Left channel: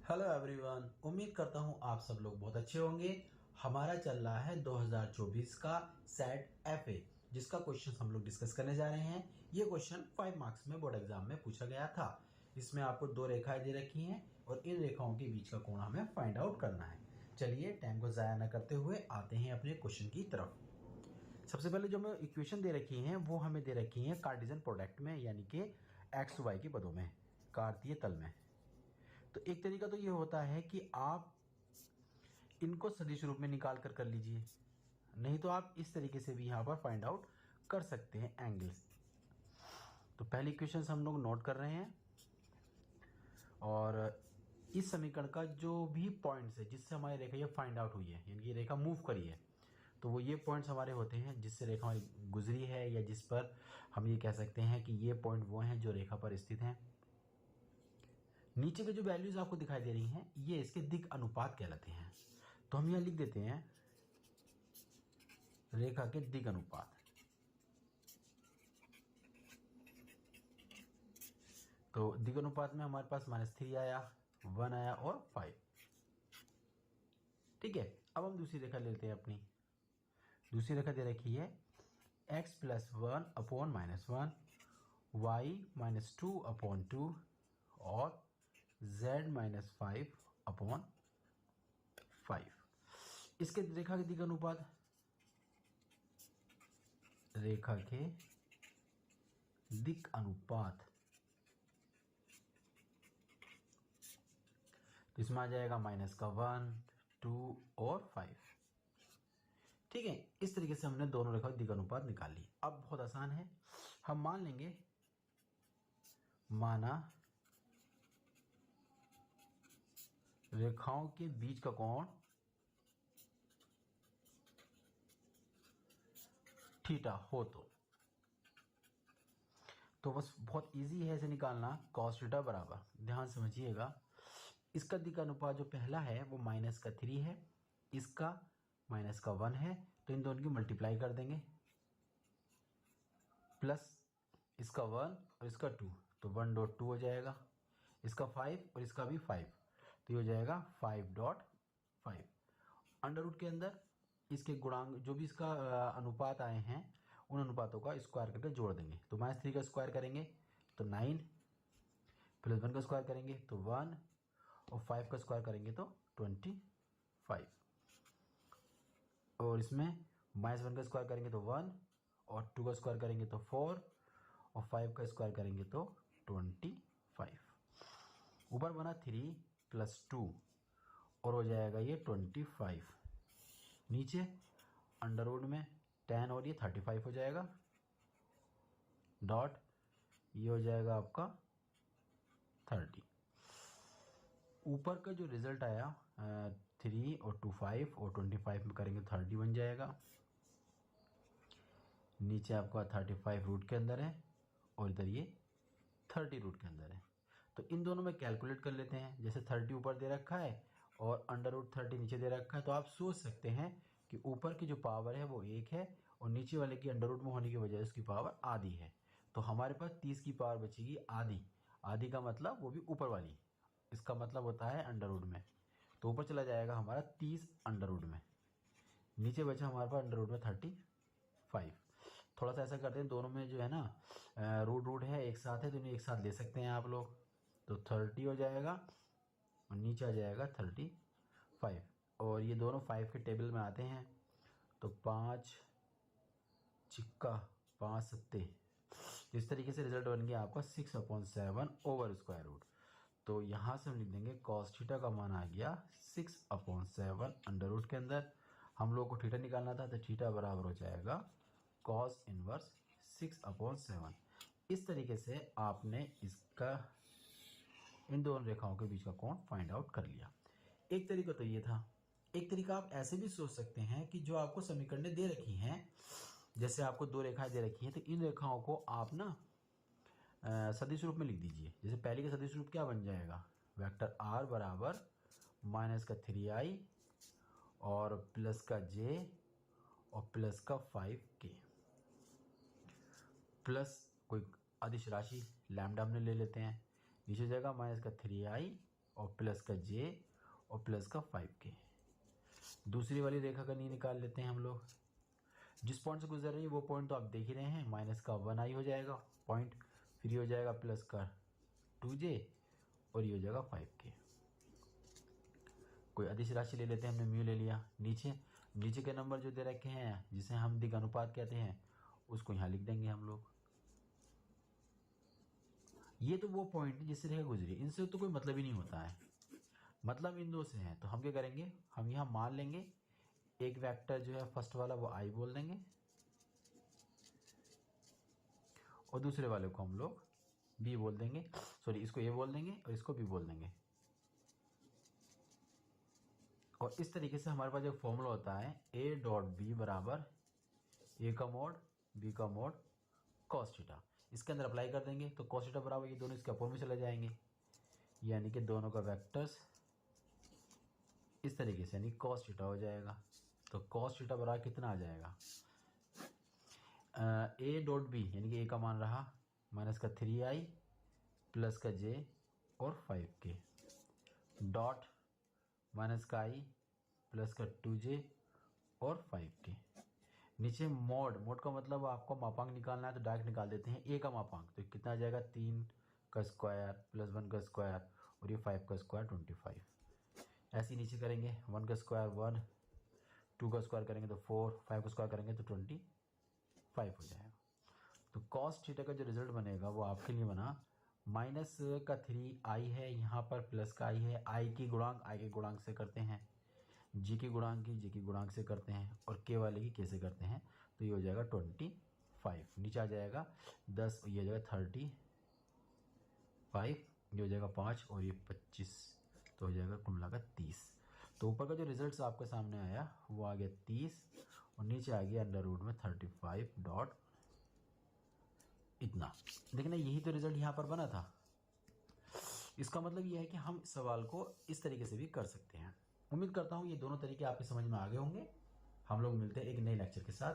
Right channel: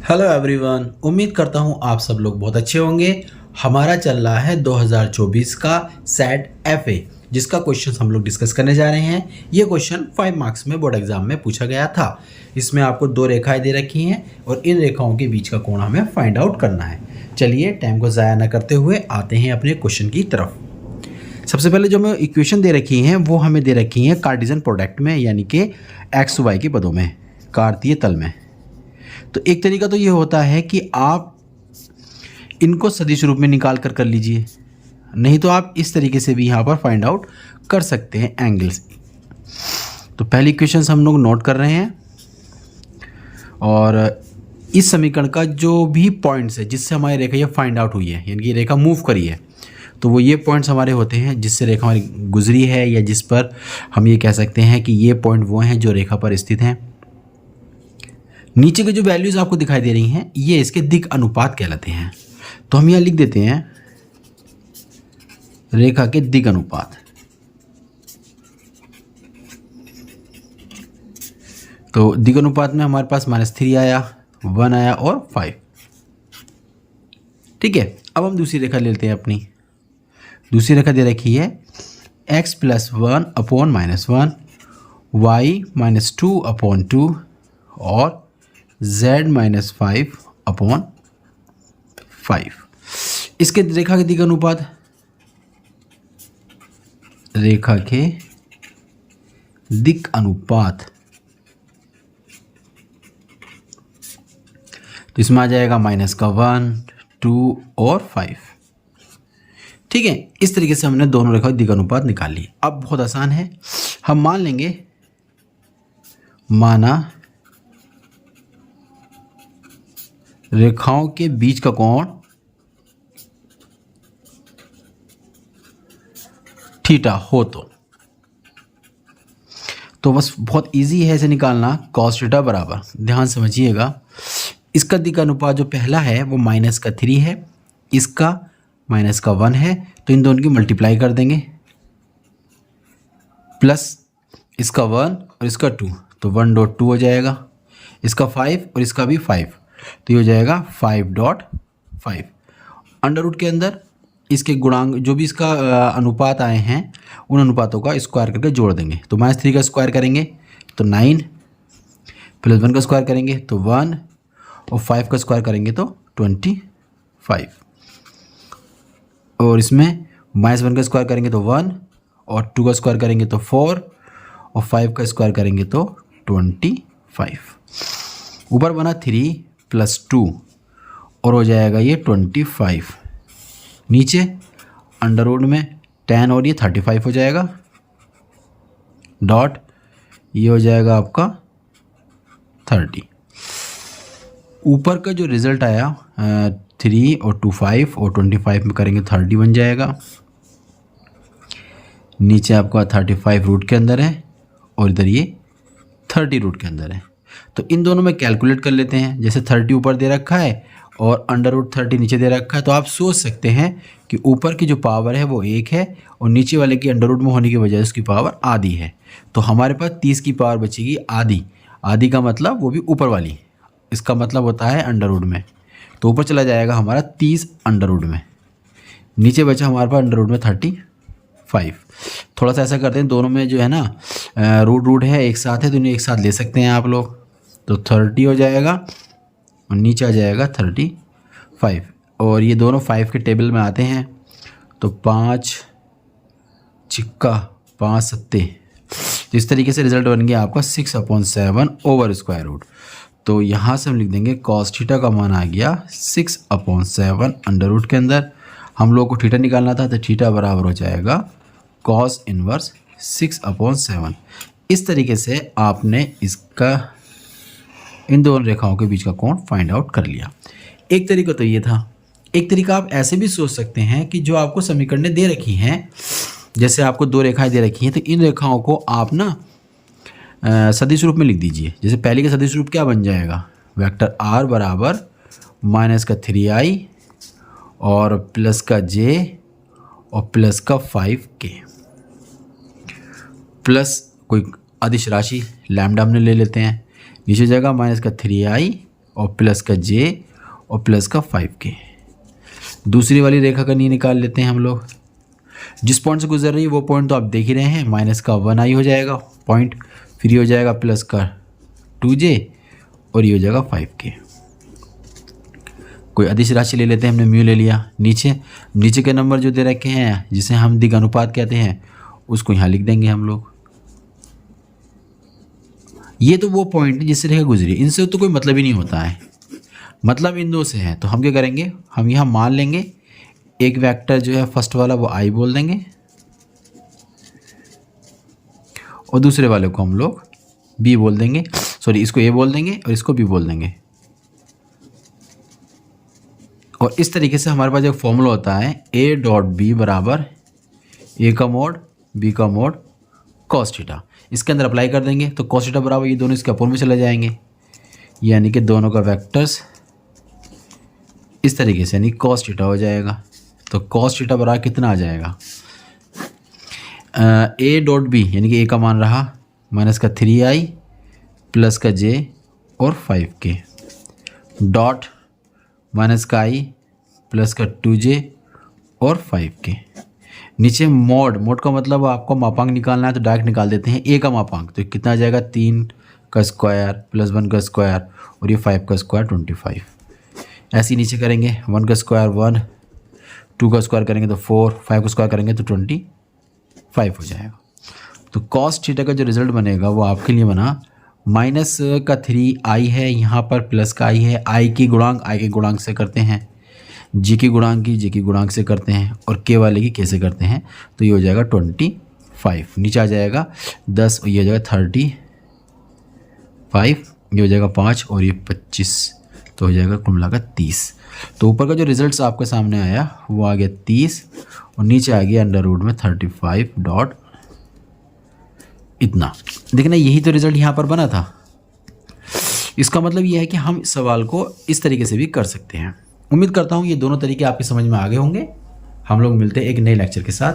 Hello everyone, उम्मीद करता हूँ आप सब लोग बहुत अच्छे होंगे। हमारा चल रहा है 2024 का सेट एफए, जिसका क्वेश्चन हम लोग डिस्कस करने जा रहे हैं। ये क्वेश्चन 5 मार्क्स में बोर्ड एग्जाम में पूछा गया था। इसमें आपको दो रेखाएं दे रखी हैं और इन रेखाओं के बीच का कोण हमें फाइंड आउट करना है। चलिए टाइम को ज़ाया न करते हुए आते हैं अपने क्वेश्चन की तरफ। सबसे पहले जो हमें इक्वेशन दे रखी हैं वो हमें दे रखी हैं कार्टेशियन प्रोडक्ट में, यानी कि एक्स वाई के पदों में, कार्तीय तल में। तो एक तरीका तो ये होता है कि आप इनको सदिश रूप में निकाल कर लीजिए, नहीं तो आप इस तरीके से भी यहाँ पर फाइंड आउट कर सकते हैं एंगल्स। तो पहली इक्वेशन हम लोग नोट कर रहे हैं और इस समीकरण का जो भी पॉइंट्स है जिससे हमारी रेखा ये फाइंड आउट हुई है, यानी कि रेखा मूव करी है, तो वो ये पॉइंट्स हमारे होते हैं जिससे रेखा हमारी गुजरी है, या जिस पर हम ये कह सकते हैं कि ये पॉइंट वो हैं जो रेखा पर स्थित हैं। नीचे के जो वैल्यूज़ आपको दिखाई दे रही हैं ये इसके दिक् अनुपात कहलाते हैं। तो हम यहाँ लिख देते हैं रेखा के दिक् अनुपात। तो दिक् अनुपात में हमारे पास -3 आया, 1 आया और 5। ठीक है, अब हम दूसरी रेखा लेते हैं। अपनी दूसरी रेखा दे रखी है x + 1 अपॉन -1, y -2 अपॉन 2 और z -5 अपॉन 5। इसके रेखा के दिक् अनुपात, रेखा के दिक् अनुपात, तो इसमें आ जाएगा -1, 2 और 5। ठीक है, इस तरीके से हमने दोनों रेखा दिक् अनुपात निकाल ली। अब बहुत आसान है, हम मान लेंगे, माना रेखाओं के बीच का कोण थीटा हो तो बस बहुत इजी है इसे निकालना। cos थीटा बराबर, ध्यान समझिएगा, इसका दिक् अनुपात जो पहला है वो -3 है, इसका -1 है, तो इन दोनों की मल्टीप्लाई कर देंगे, प्लस इसका 1 और इसका 2, तो 1.2 हो जाएगा, इसका 5 और इसका भी 5, तो ये हो जाएगा 5.5। अंडर रूट के अंदर इसके गुणांक जो भी इसका अनुपात आए हैं उन अनुपातों का स्क्वायर करके जोड़ देंगे। तो -3 का स्क्वायर करेंगे तो 9, प्लस 1 का स्क्वायर करेंगे तो 1 और 5 का स्क्वायर करेंगे तो 25, और इसमें -1 का स्क्वायर करेंगे तो 1 और 2 का स्क्वायर करेंगे तो 4 और 5 का स्क्वायर करेंगे तो 25। ऊपर बना 3 + 2 और हो जाएगा ये 25। नीचे अंडर रूट में 10 और ये 35 हो जाएगा, डॉट ये हो जाएगा आपका 30। ऊपर का जो रिज़ल्ट आया 3 और 2 5 और 25 में करेंगे 30 बन जाएगा। नीचे आपका 35 रूट के अंदर है और इधर ये 30 रूट के अंदर है। तो इन दोनों में कैलकुलेट कर लेते हैं। जैसे 30 ऊपर दे रखा है और अंडर रूट 30 नीचे दे रखा है, तो आप सोच सकते हैं कि ऊपर की जो पावर है वो 1 है और नीचे वाले की अंडर रूट में होने की वजह से उसकी पावर आधी है। तो हमारे पास 30 की पावर बचेगी आधी। आधी का मतलब वो भी ऊपर वाली, इसका मतलब होता है अंडर रूट में, तो ऊपर चला जाएगा हमारा 30 अंडर रूट में, नीचे बचा हमारे पास अंडर रूट में 35। थोड़ा सा ऐसा करते हैं, दोनों में जो है ना रूट है एक साथ है, तो इन्हें एक साथ ले सकते हैं आप लोग। तो 30 हो जाएगा और नीचे आ जाएगा 35, और ये दोनों 5 के टेबल में आते हैं, तो 5 छिक्का 5 सत्ते, तो इस तरीके से रिजल्ट बन गया आपका 6/7 ओवर स्क्वायर रूट। तो यहाँ से हम लिख देंगे cos थीटा का मान आ गया 6/7 अंडर रूट के अंदर। हम लोग को थीटा निकालना था, तो थीटा बराबर हो जाएगा cos इनवर्स 6/7। इस तरीके से आपने इसका इन दोनों रेखाओं के बीच का कोण फाइंड आउट कर लिया। एक तरीका तो ये था। एक तरीका आप ऐसे भी सोच सकते हैं कि जो आपको समीकरणें दे रखी हैं, जैसे आपको दो रेखाएं दे रखी हैं, तो इन रेखाओं को आप ना सदिश रूप में लिख दीजिए। जैसे पहले का सदिश रूप क्या बन जाएगा, वेक्टर r बराबर -3i और प्लस का j और प्लस का 5k, प्लस कोई अदिश राशि लैम्डा हमने ले लेते हैं, नीचे जाएगा -3i और प्लस का j और प्लस का 5k। दूसरी वाली रेखा का नी निकाल लेते हैं हम लोग। जिस पॉइंट से गुजर रही है वो पॉइंट तो आप देख ही रहे हैं, माइनस का 1i हो जाएगा पॉइंट, फिर ये हो जाएगा प्लस का 2j और ये हो जाएगा 5k। कोई अदिश राशि ले लेते हैं, हमने म्यू ले लिया। नीचे के नंबर जो दे रखे हैं जिसे हम दिग अनुपात कहते हैं उसको यहाँ लिख देंगे हम लोग। ये तो वो पॉइंट जिससे रेखा गुजरी, इनसे तो कोई मतलब ही नहीं होता है, मतलब इन दो से है। तो हम क्या करेंगे, हम यहाँ मान लेंगे एक वेक्टर जो है फर्स्ट वाला वो i बोल देंगे और दूसरे वाले को हम लोग b बोल देंगे, सॉरी इसको a बोल देंगे और इसको b बोल देंगे। और इस तरीके से हमारे पास एक फॉर्मूला होता है a डॉट b बराबर a का मोड b का मोड cos थीटा। इसके अंदर अप्लाई कर देंगे तो cos थीटा बराबर ये दोनों इसके अपोन में चले जाएंगे, यानी कि दोनों का वेक्टर्स इस तरीके से यानी cos थीटा हो जाएगा। तो cos थीटा बराबर कितना आ जाएगा, a डॉट b यानी कि a का मान रहा माइनस का 3i प्लस का j और 5k डॉट माइनस का i प्लस का 2j और 5k। नीचे मोड का मतलब आपको मापांक निकालना है तो डायरेक्ट निकाल देते हैं। a का मापांक तो कितना आ जाएगा 3 का स्क्वायर प्लस 1 का स्क्वायर और ये 5 का स्क्वायर 25। ऐसे ही नीचे करेंगे 1 का स्क्वायर 1, 2 का स्क्वायर करेंगे तो 4, 5 का स्क्वायर करेंगे तो 25 हो जाएगा। तो cos थीटा का जो रिजल्ट बनेगा वो आपके लिए बना माइनस का 3i है यहाँ पर, प्लस का i है, i के गुणांक से करते हैं, g के गुणांक की j के गुणांक से करते हैं और k वाले की k से करते हैं। तो ये हो जाएगा 25, नीचे आ जाएगा 10 और ये हो जाएगा 35, ये हो जाएगा 5 और ये 25, तो हो जाएगा कुल मिलाकर 30। तो ऊपर का जो रिजल्ट्स आपके सामने आया वो आ गया 30 और नीचे आ गया अंडर रूट में 35 डॉट इतना। देखना यही तो रिजल्ट यहाँ पर बना था। इसका मतलब ये है कि हम इस सवाल को इस तरीके से भी कर सकते हैं। उम्मीद करता हूँ ये दोनों तरीके आपकी समझ में आ गए होंगे। हम लोग मिलते हैं एक नए लेक्चर के साथ।